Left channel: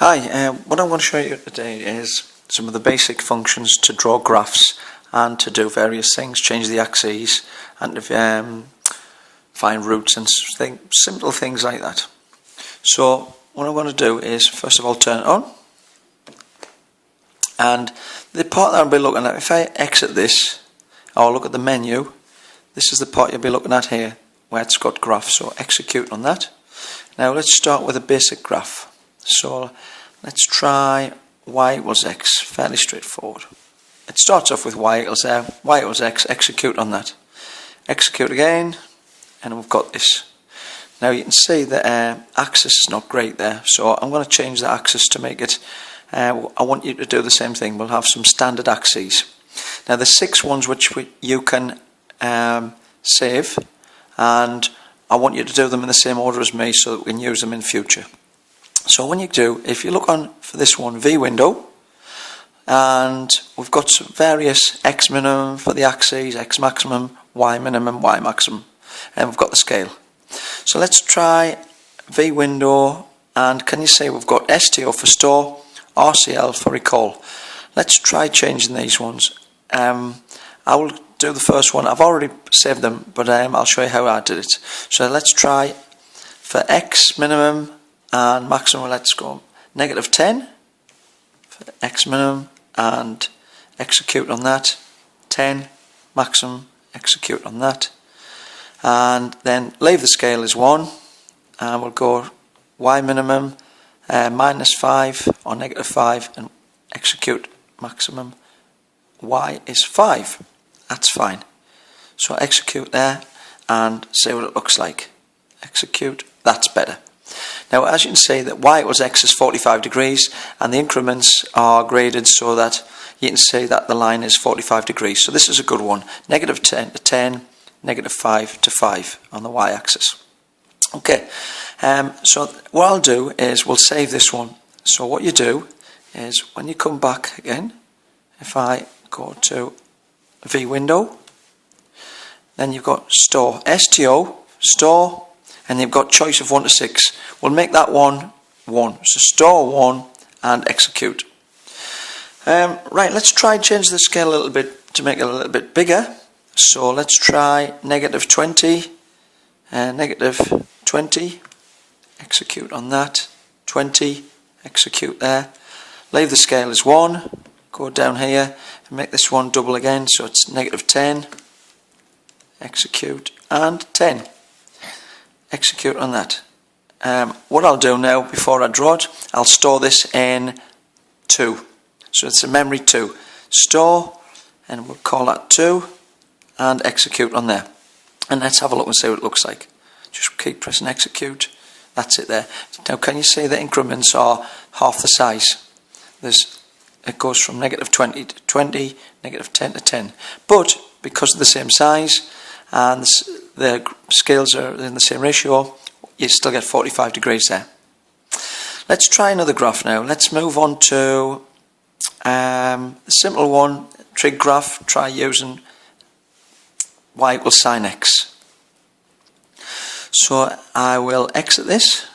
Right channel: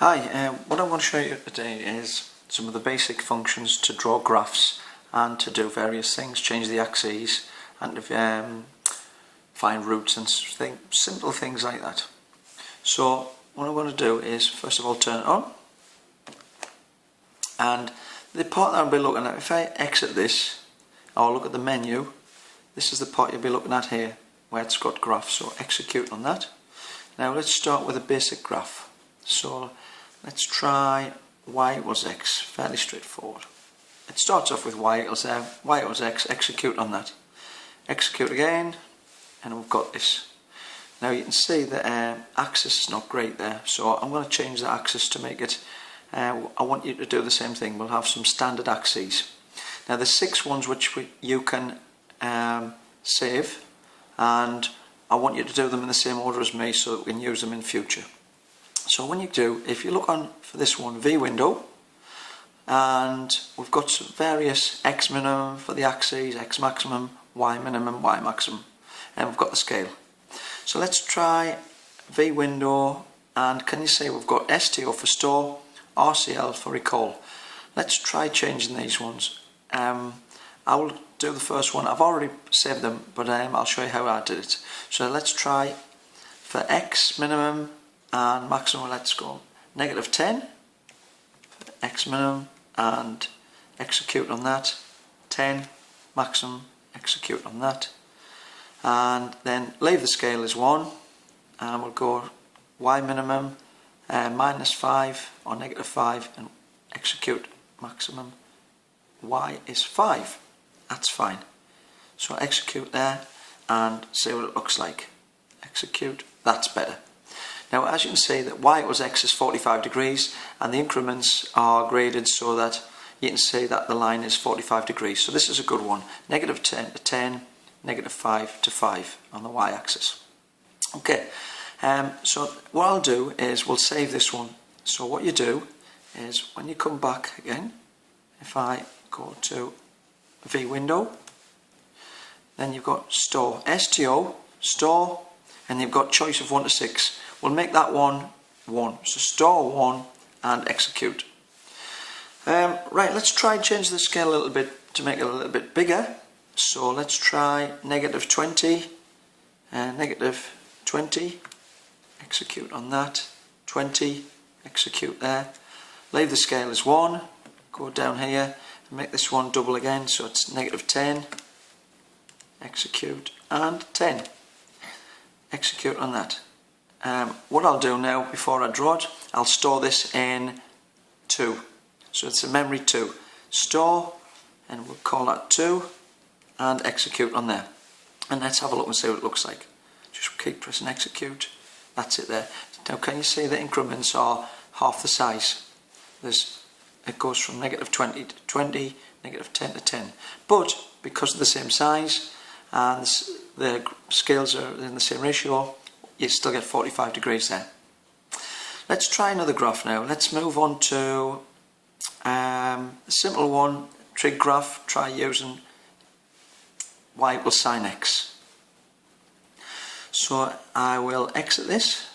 Hi, what I'm going to show you today is some of the basic functions to draw graphs and to do various things, change the axes and to find roots and simple things like that. So what I'm going to do is first of all turn it on, and the part that I'll be looking at, if I exit this or look at the menu, this is the part you'll be looking at here where it's got graph, so execute on that. Now let's start with a basic graph. So let's try y equals x, fairly straightforward. It starts off with y equals x, execute on that. Execute again, and we've got this. Now you can see the axis is not great there, so I'm going to change the axis to make it, I want you to do the same thing. We'll have some standard axes. Now there's 6 ones which you can save, and I want you to do them in the same order as me so that we can use them in future. So when you do, if you look on for this one, V window, and we've got some various X minimum for the axes, X maximum, Y minimum, Y maximum, and we've got the scale. So let's try V window, and can you see we've got STO for store, RCL for recall. Let's try changing these ones. I will do the first one. I've already saved them, but I'll show you how I did it. So let's try for X minimum and maximum, let's go -10 for X minimum and execute on that, 10 maximum, execute on that, and then leave the scale as 1, and we'll go Y minimum -5 or -5 and execute maximum. Y is 5. That's fine. So execute there and see what it looks like. Execute, that's better. Now as you can see that y equals x is 45 degrees, and the increments are graded so that you can see that the line is 45 degrees. So this is a good one. -10 to 10, -5 to 5 on the y-axis. Okay, so what I'll do is we'll save this one. So what you do is when you come back again, if I go to V window, then you've got store, STO, store, and you've got choice of 1 to 6. We'll make that one 1. So store 1 and execute. Right, let's try and change the scale a little bit to make it a little bit bigger. So let's try -20, -20, execute on that, 20, execute there. Leave the scale as 1, go down here and make this one double again, so it's -10, execute, and 10. Execute on that. What I'll do now, before I draw it, I'll store this in 2. So it's a memory 2. Store, and we'll call that 2, and execute on there. And let's have a look and see what it looks like. Just keep pressing execute. That's it there. Now can you see the increments are half the size? It goes from -20 to 20, -10 to 10. But because of the same size and the scales are in the same ratio, you still get 45 degrees there. Let's try another graph now. Let's move on to the simple one, trig graph. Try using y equals sin x. So I will exit this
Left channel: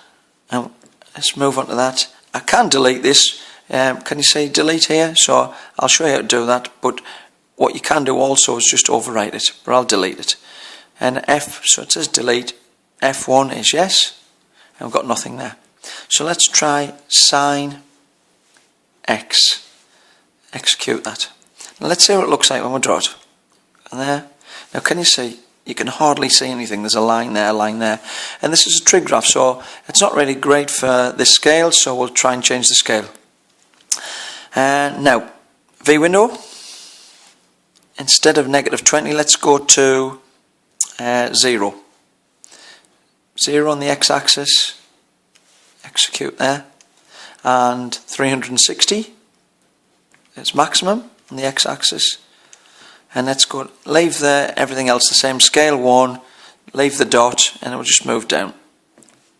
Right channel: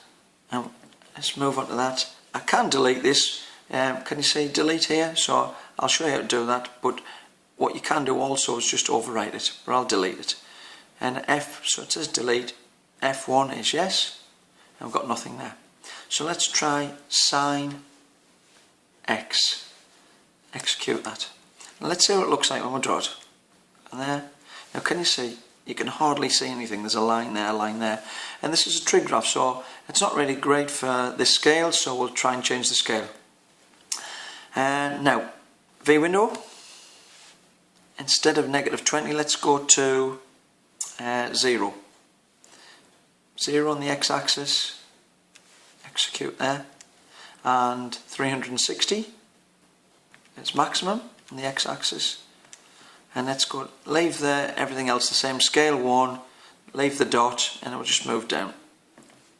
and let's move on to that. I can delete this. Can you see delete here? So I'll show you how to do that, but what you can do also is just overwrite it, but I'll delete it. And F, so it says delete, F1 is yes, and we've got nothing there. So let's try sin x, execute that. Now let's see what it looks like when we draw it. And there, now can you see, you can hardly see anything, there's a line there, and this is a trig graph, so it's not really great for this scale, so we'll try and change the scale. Now, V window, instead of -20, let's go to 0. 0 on the x-axis, execute there, and 360 is maximum on the x-axis, and let's go, leave everything else the same, scale 1, leave the dot, and it will just move down.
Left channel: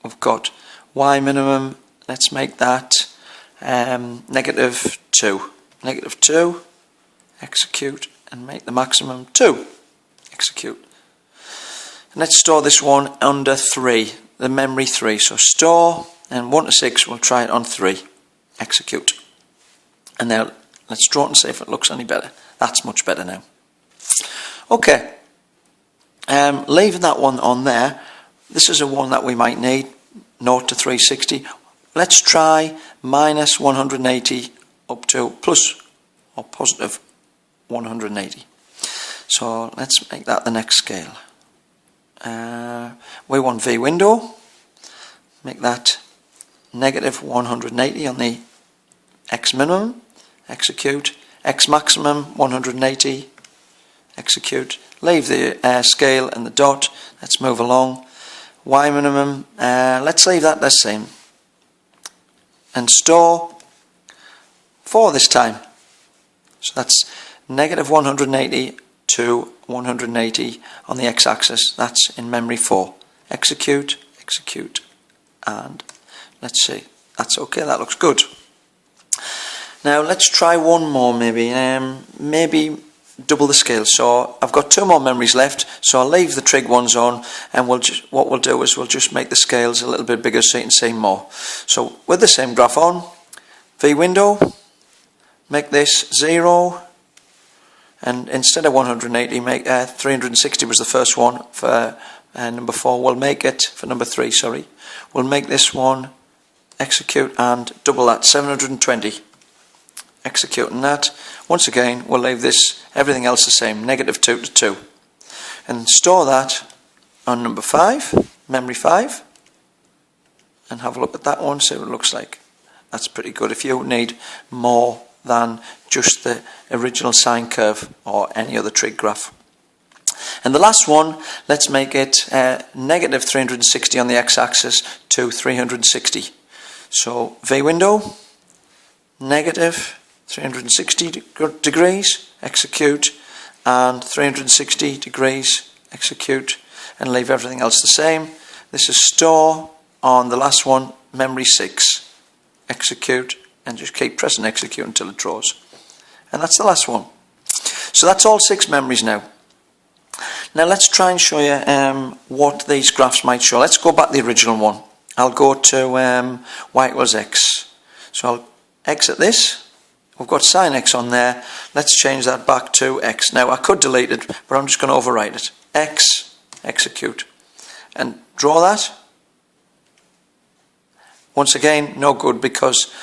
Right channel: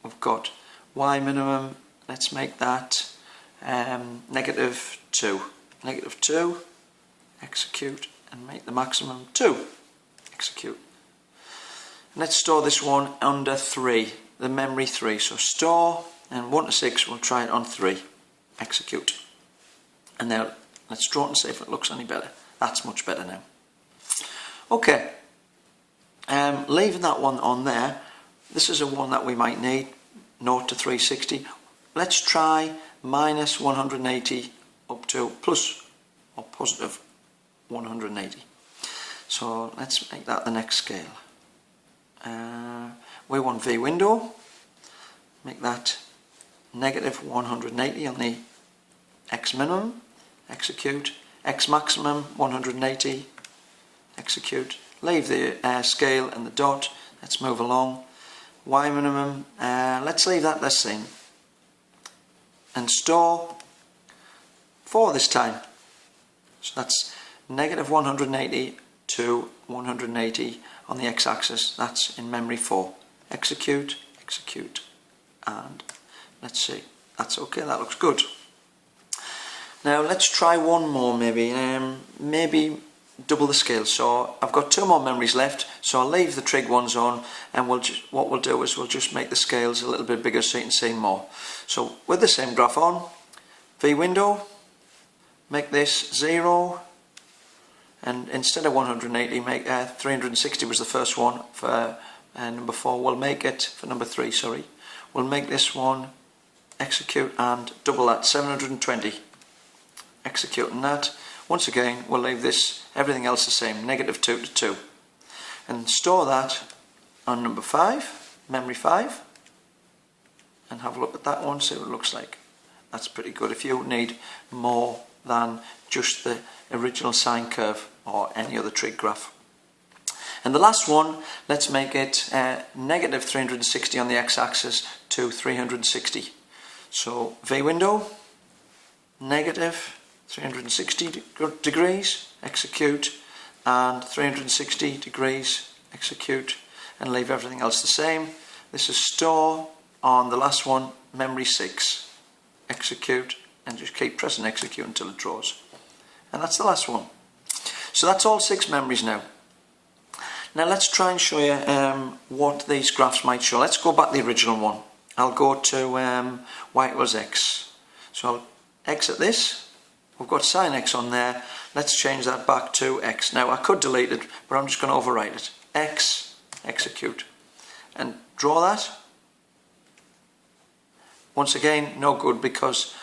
We've got y minimum, let's make that -2, -2, execute, and make the maximum 2, execute. And let's store this one under 3, the memory 3. So store, and 1 to 6, we'll try it on 3. execute. And now let's draw it and see if it looks any better. That's much better now. Okay, leaving that one on there. This is a one that we might need, 0 to 360. Let's try minus 180 up to plus or positive 180. So let's make that the next scale. We want V window, make that negative 180 on the X minimum, execute, X maximum 180, execute, leave the scale and the dot, let's move along, Y minimum, let's leave that the same, and store 4 this time, so that's negative 180 to 180 on the X axis, that's in memory 4, execute, execute, and let's see, that's okay, that looks good. Now let's try one more maybe, maybe double the scale. So I've got 2 more memories left, so I'll leave the trig ones on, and what we'll do is we'll just make the scales a little bit bigger so you can see more. So with the same graph on, V window, make this 0, and instead of 180 make 360 was the first one for number 4, we'll make it for number 3, sorry, we'll make this one execute and double that, 720. Executing that, once again we'll leave this, everything else the same, negative 2 to 2, and store that on number 5, memory 5, and have a look at that one, see what it looks like. That's pretty good if you need more than just the original sine curve or any other trig graph. And the last one, let's make it negative 360 on the x-axis to 360. So V window, negative 360 degrees, execute, and 360 degrees, execute, and leave everything else the same. This is store on the last one, memory 6, execute, and just keep pressing execute until it draws. And that's the last one. So that's all 6 memories now. Now let's try and show you what these graphs might show. Let's go back to the original one. I'll go to y equals x. So I'll exit this. We've got sine x on there. Let's change that back to x. Now I could delete it, but I'm just going to overwrite it. X, execute, and draw that. Once again, no good because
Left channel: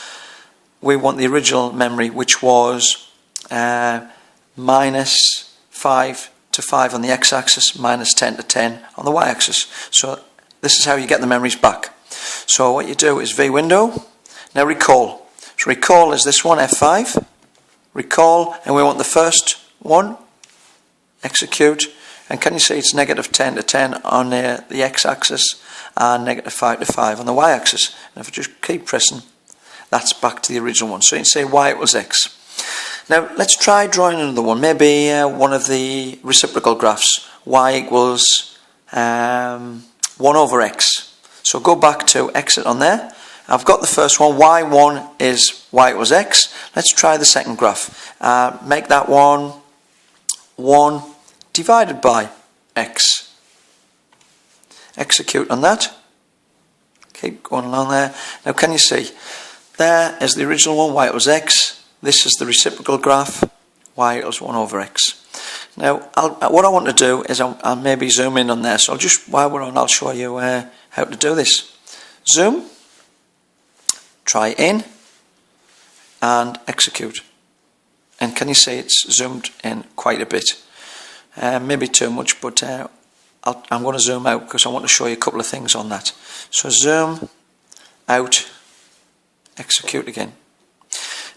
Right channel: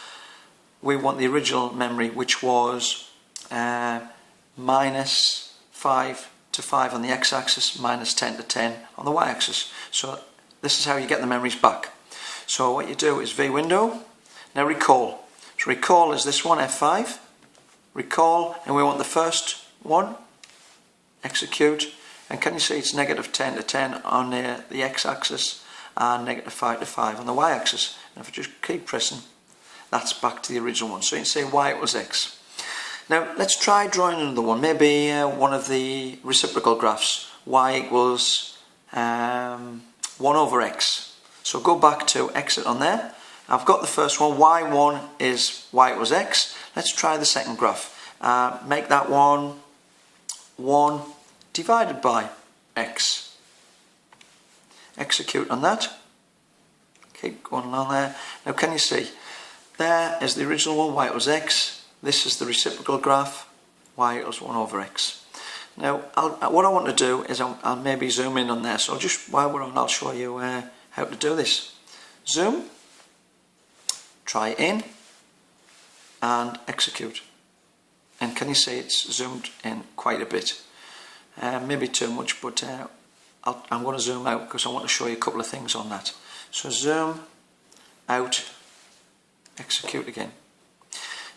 we want the original memory, which was minus 5 to 5 on the x-axis, minus 10 to 10 on the y-axis. So this is how you get the memories back. So what you do is V window. Now recall. So recall is this one, F5, recall, and we want the first one, execute, and can you see it's negative 10 to 10 on the x-axis and negative 5 to 5 on the y-axis. And if I just keep pressing, that's back to the original one. So you can say y equals x. Now let's try drawing another one, maybe one of the reciprocal graphs, y equals 1 over x. So go back to exit on there. I've got the first one, y1 is y equals x. Let's try the second graph. Make that one 1 divided by x. Execute on that. Keep going along there. Now can you see? There is the original one, y equals x. This is the reciprocal graph, y equals 1 over x. Now what I want to do is I'll maybe zoom in on there. So while we're on, I'll show you how to do this. Zoom. Try in and execute, and can you see it's zoomed in quite a bit, maybe too much, but I'm going to zoom out because I want to show you a couple of things on that. So zoom out, execute again.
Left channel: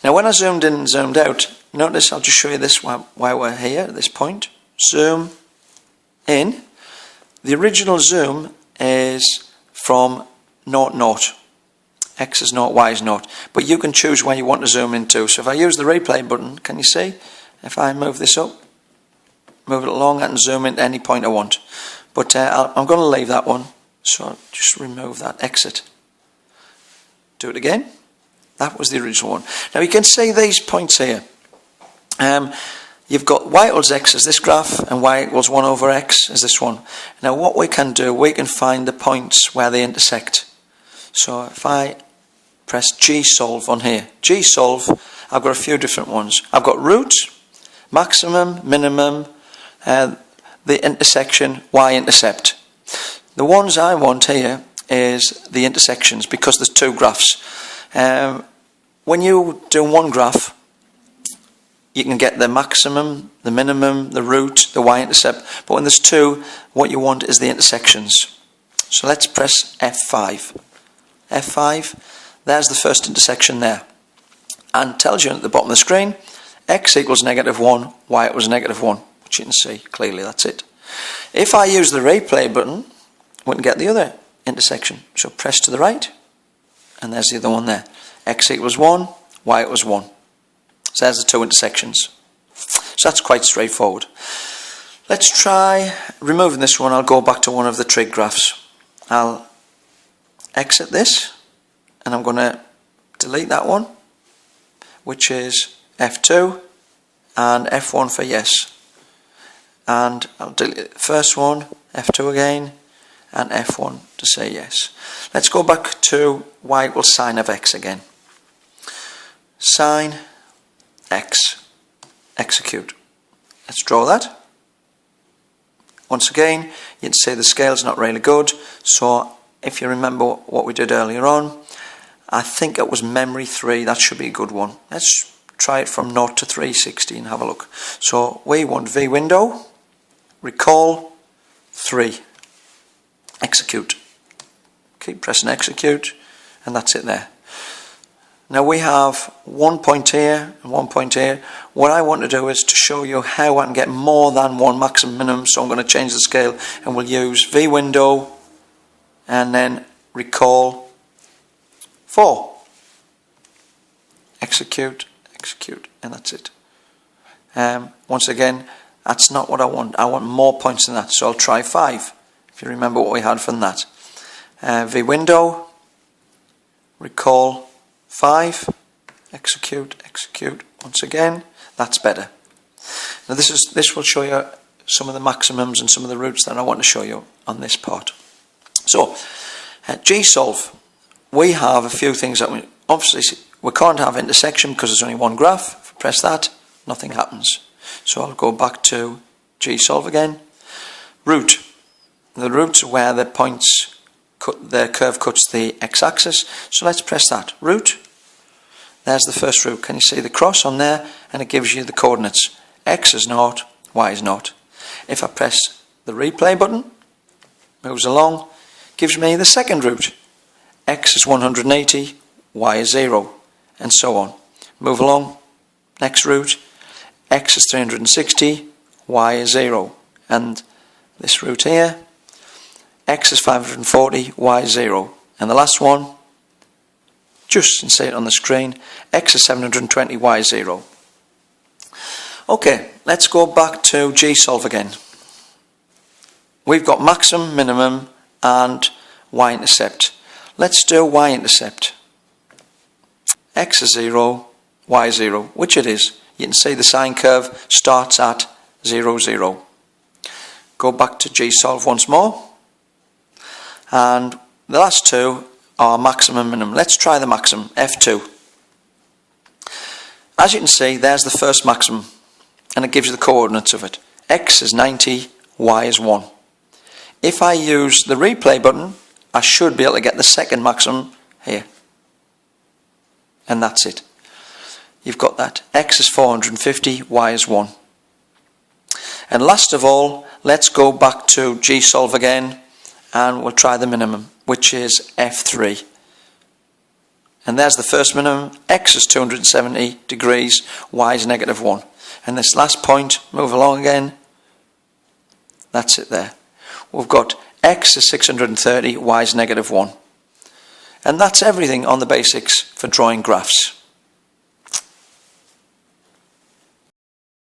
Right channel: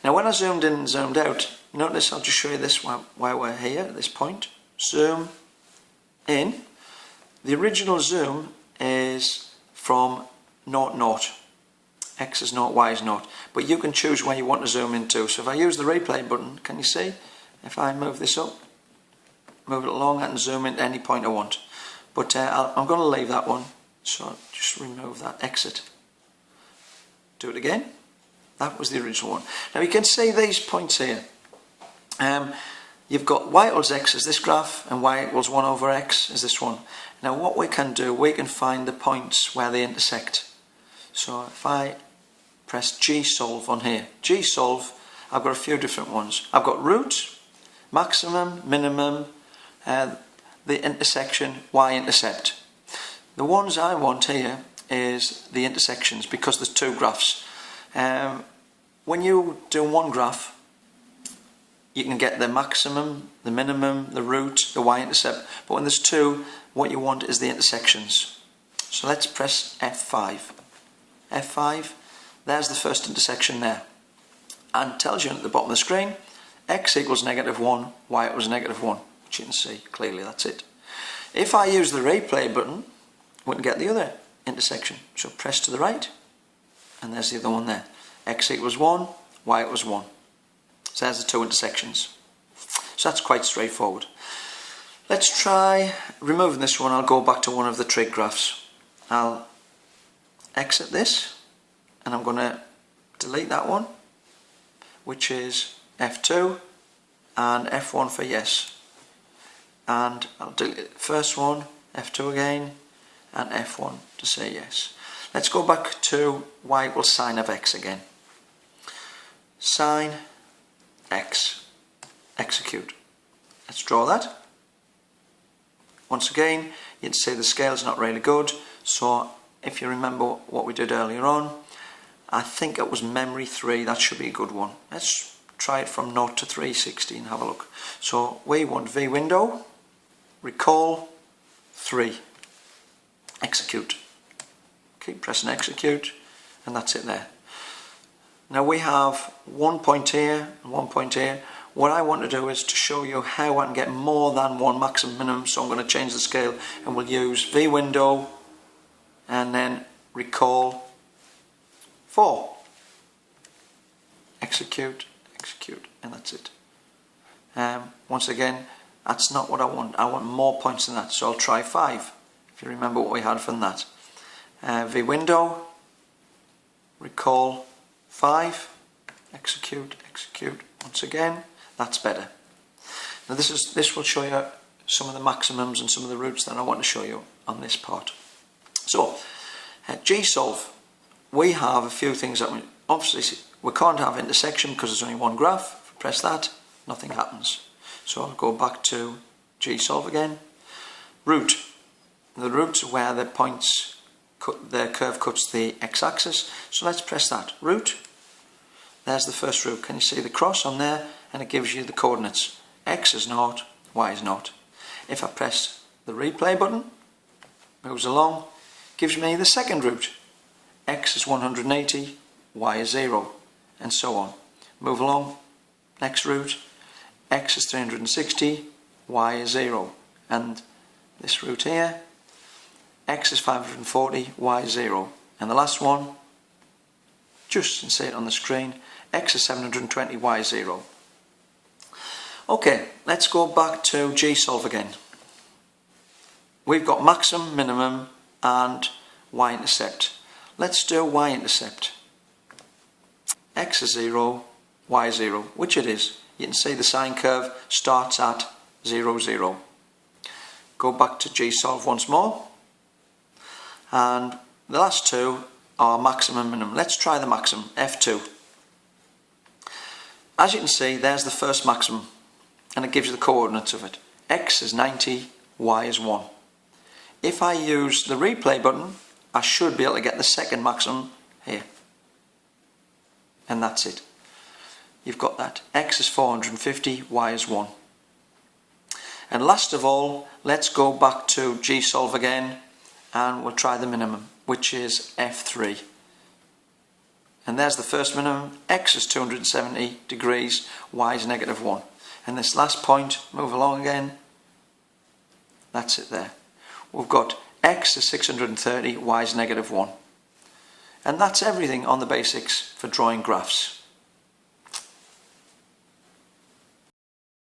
Now when I zoomed in and zoomed out, notice I'll just show you this while we're here at this point. Zoom in. The original zoom is from 0, 0. X is 0, Y is 0. But you can choose where you want to zoom into. So if I use the replay button, can you see? If I move this up, move it along, I can zoom in at any point I want. But I'm going to leave that one. So I'll just remove that, exit. Do it again. That was the original one. Now you can see these points here. You've got y equals x as this graph, and y equals 1 over x as this one. Now what we can do, we can find the points where they intersect. So if I press G-solve on here. G-solve, I've got a few different ones. I've got root, maximum, minimum, the intersection, y-intercept. The ones I want here is the intersections because there's two graphs. When you do one graph, you can get the maximum, the minimum, the root, the y-intercept, but when there's two, what you want is the intersections. So let's press F5. F5, there's the first intersection there. And tells you at the bottom of the screen, x equals -1, y equals -1, which you can see clearly, that's it. If I use the replay button, we can get the other intersection. So press to the right, and there's the other one there. X equals 1, y equals 1. So there's the two intersections. So that's quite straightforward. Let's try removing this one. I'll go back to one of the trig graphs. I'll exit this, and I'm going to delete that one, which is F2 and F1 for yes. And I'll delete the first one, F2 again, and F1 to say yes. Let's go back to y equals sine of x again. Sine x, execute. Let's draw that. Once again, you can see the scale's not really good, so if you remember what we did earlier on, I think it was memory 3, that should be a good one. Let's try it from 0 to 360 and have a look. So we want V window, recall 3, execute. Keep pressing execute, and that's it there. Now we have 1 point here and 1 point here. What I want to do is to show you how I can get more than one maximum minimum, so I'm going to change the scale and we'll use V window and then recall 4. Execute, execute, and that's it. Once again, that's not what I want. I want more points than that, so I'll try 5. If you remember what we had from that. V window, recall 5, execute, execute. Once again, that's better. Now this will show you some of the maximums and some of the roots that I want to show you on this part. So, G-solve, we have a few things that obviously we can't have intersection because there's only one graph. If I press that, nothing happens. So I'll go back to G-solve again. Root. The roots are where the points, the curve cuts the x-axis. So let's press that. Root. There's the first root. Can you see the cross on there? And it gives you the coordinates. X is 0, y is 0. If I press the replay button, moves along, gives me the second root. X is 180, y is 0, and so on. Move along, next root, x is 360, y is 0, and this root here, x is 540, y is 0, and the last one, just you can see it on the screen, x is 720, y is 0. Okay, let's go back to G-solve again. We've got maximum, minimum, and y-intercept. Let's do y-intercept. X is 0, y is 0, which it is. You can see the sine curve starts at 0, 0. Go back to G-solve once more. And the last two are maximum, minimum. Let's try the maximum, F2. As you can see, there's the first maximum, and it gives you the coordinates of it. X is 90, y is 1. If I use the replay button, I should be able to get the second maximum here. And that's it. You've got that. X is 450, y is 1. And last of all, let's go back to G-solve again, and we'll try the minimum, which is F3. And there's the first minimum. X is 270 degrees, y is -1. And this last point, move along again. That's it there. We've got x is 630, y is -1. And that's everything on the basics for drawing graphs.